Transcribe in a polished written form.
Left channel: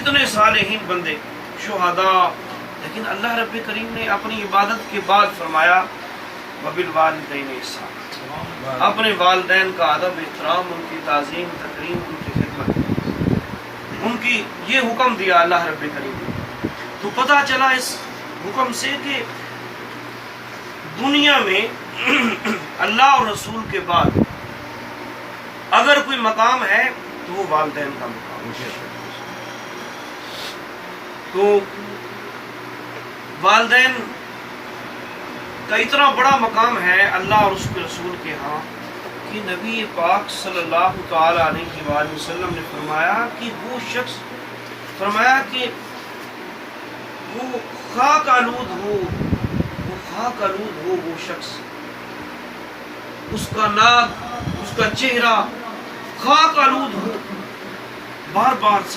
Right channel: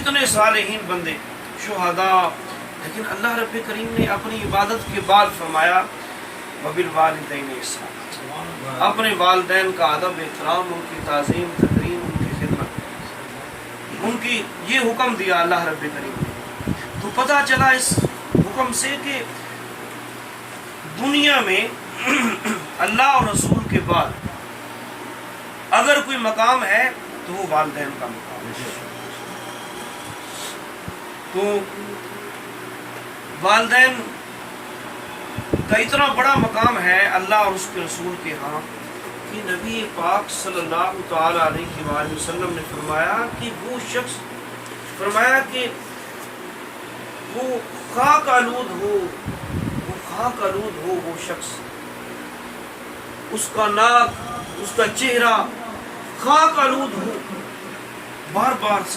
کتنے صالحین بندے شہداء، لیکن اللہ رب کریم نے اپنی عبادت کے بعد فرمایا وبالوالدین احسانا، اپنے والدین کا ادب احترام، ان کی تعظیم تکریم، ان کی خدمت، ان کی یہ حکم دیا اللہ رب کریم نے۔ تو پتہ چلا اس حکم سے کہ دنیا میں اللہ اور رسول کے بعد اگر کوئی مقام ہے تو وہ والدین کا مقام ہے۔ تو والدین کا اتنا بڑا مقام ہے اللہ اور اس کے رسول کے ہاں کہ نبی پاک صلی اللہ تعالی علیہ وآلہ وسلم نے فرمایا کہ وہ شخص، فرمایا کہ وہ خاک آلود ہو، وہ خاک آلود ہو وہ شخص، اس کا ناک، اس کا چہرہ خاک آلود ہو۔ بار بار